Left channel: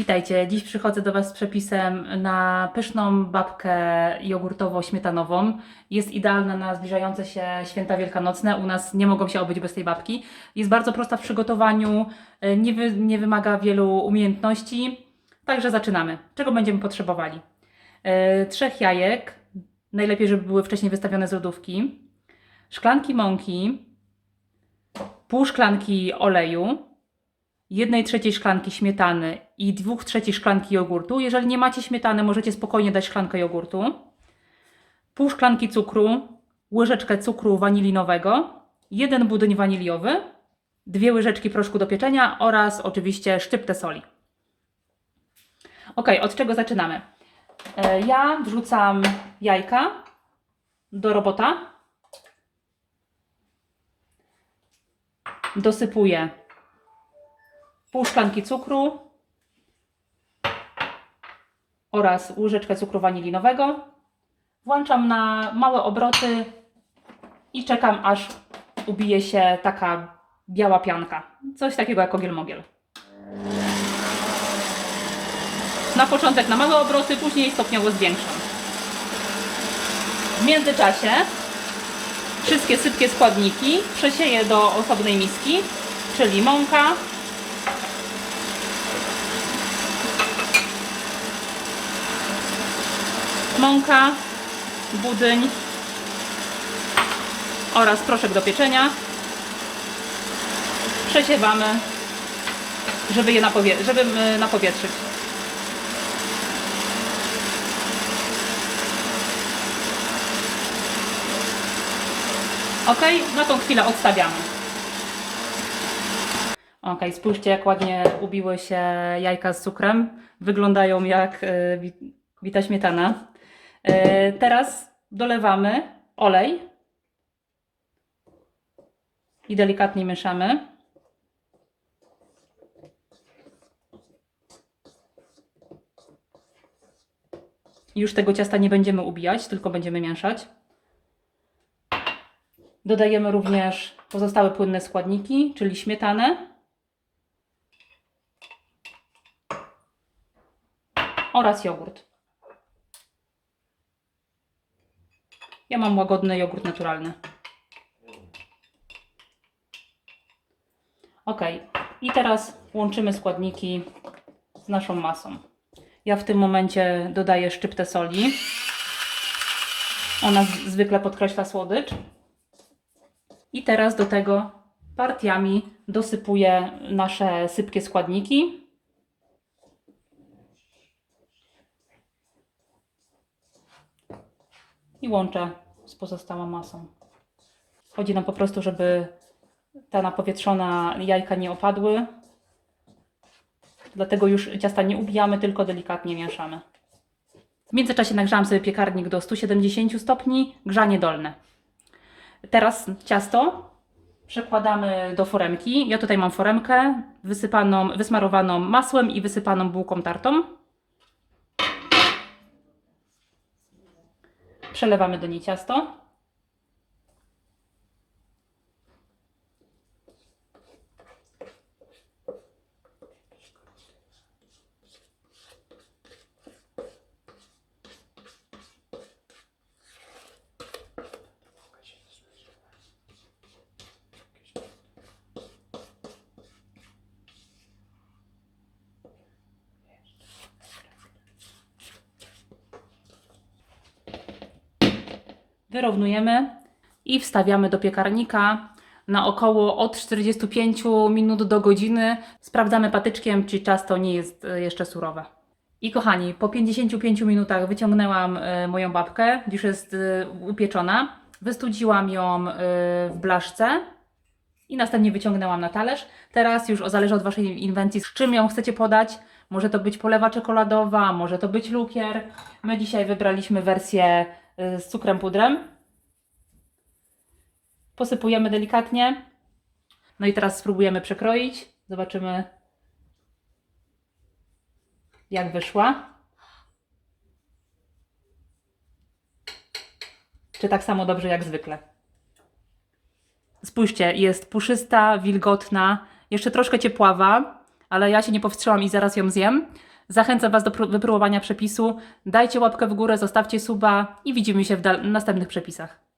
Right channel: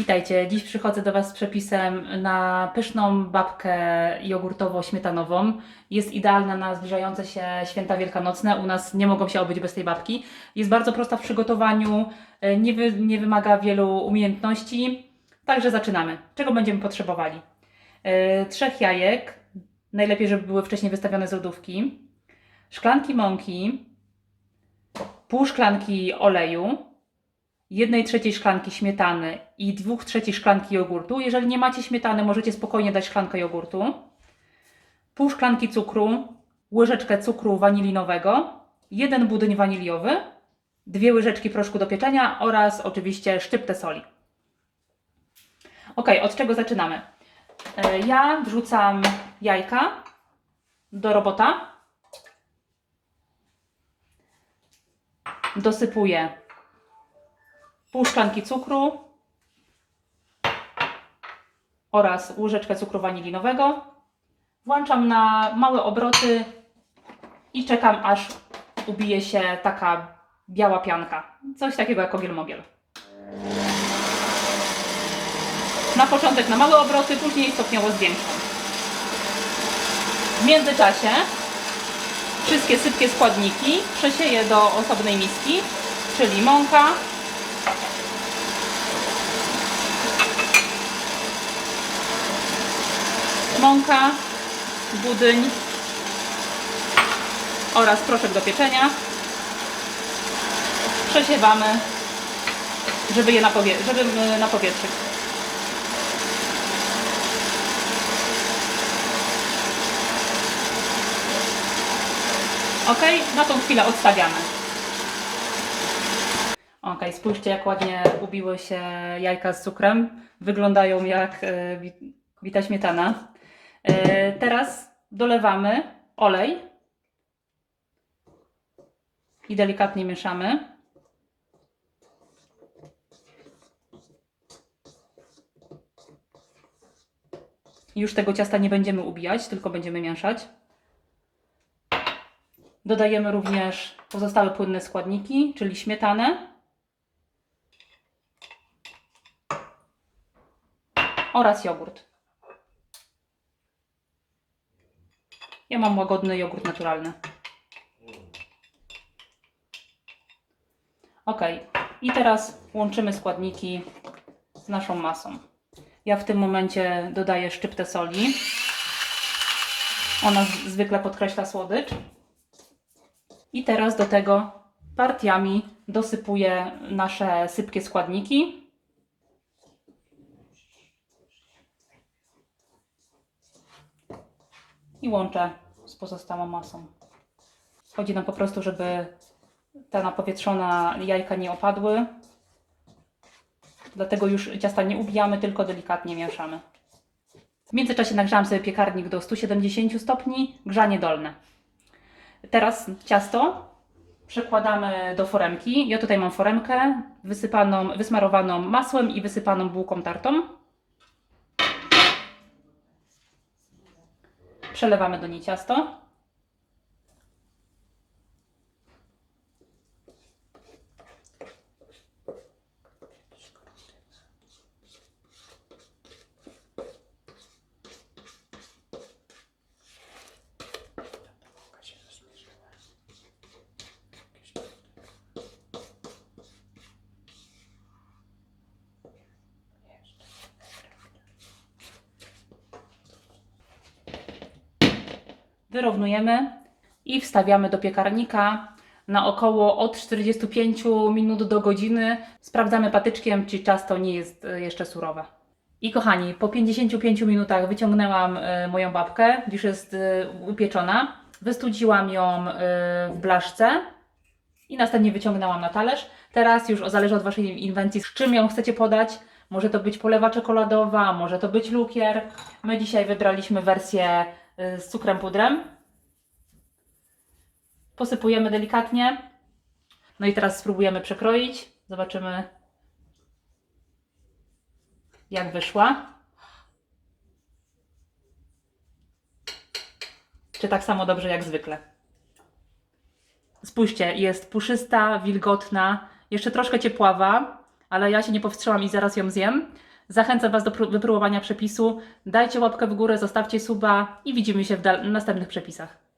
Witajcie. Dziś przychodzę do Was z przepisem na pyszną babkę jogurtowo-śmietanową. Jest idealna na zbliżające się święta wielkanocne. U nas nie mogą się obyć bez tej babki. Jest bardzo prosta w przygotowaniu, e, nie, wy, nie wymaga wielu umiejętności. Także zaczynamy. Czego będziemy potrzebowali? E, trzech jajek, najlepiej, żeby były wcześniej wystawione z lodówki. Szklanki mąki, pół szklanki oleju, jednej trzeciej szklanki śmietany i dwóch trzecich szklanki jogurtu. Jeżeli nie macie śmietany, możecie spokojnie dać szklankę jogurtu. Pół szklanki cukru, łyżeczkę cukru wanilinowego, jeden budyń waniliowy, dwie łyżeczki proszku do pieczenia oraz oczywiście szczyptę soli. Ok, od czego zaczynamy? E, Ja wrzucam jajka do robota. Dosypuję pół szklanki cukru oraz łyżeczkę cukru wanilinowego. Włączam na małe obroty i czekam aż ubije się taka biała pianka. Coś takiego jak ogiel mogiel. Na początek na małe obroty, później stopniowo zwiększam. W międzyczasie wszystkie sypkie składniki przesieję do osobnej miski, czyli mąka, mąka, budyń oraz proszek do pieczenia. Przesiewamy, żeby je napowie- żeby y, napowietrzyć. Ok, na tą chwilę odstawiamy. Ok, spójrzcie jak ładnie ubiły się jajka z cukrem. Wyglądają jak y, wi- wita śmietana. E, Teraz dolewamy olej i delikatnie mieszamy. Już tego ciasta nie będziemy ubijać, tylko będziemy mieszać. Dodajemy również pozostałe płynne składniki, czyli śmietanę oraz jogurt. Ja mam łagodny jogurt naturalny. Ok, i teraz łączymy składniki z naszą masą. Ja w tym momencie dodaję szczyptę soli. Ona zwykle podkreśla słodycz. I teraz do tego partiami dosypuję nasze sypkie składniki. I łączę z pozostałą masą. Chodzi nam po prostu, żeby ta napowietrzona jajka nie opadły. Dlatego już ciasta nie ubijamy, tylko delikatnie mieszamy. W międzyczasie nagrzałam sobie piekarnik do 170 stopni, grzanie dolne. Teraz ciasto przekładamy do foremki. Ja tutaj mam foremkę wysypaną, wysmarowaną masłem i wysypaną bułką tartą. Przelewamy do niej ciasto. Wyrównujemy i wstawiamy do piekarnika na około od 45 minut do godziny. Sprawdzamy patyczkiem, czy ciasto nie jest e, jeszcze surowe. I kochani, po 55 minutach wyciągnęłam e, moją babkę, już jest e, upieczona. Wystudziłam ją w blaszce i następnie wyciągnęłam na talerz. Teraz już zależy od Waszej inwencji, z czym ją chcecie podać. Może to być polewa czekoladowa, może to być lukier. My dzisiaj wybraliśmy wersję z cukrem pudrem. Posypujemy delikatnie. No i teraz spróbujemy przekroić. Zobaczymy, jak wyszła. Czy tak samo dobrze jak zwykle. Spójrzcie, jest puszysta, wilgotna, jeszcze troszkę ciepława, ale ja się nie powstrzymam i zaraz ją zjem. Zachęcam Was do pró- wypróbowania przepisu. Dajcie łapkę w górę, zostawcie suba i widzimy się w następnych przepisach.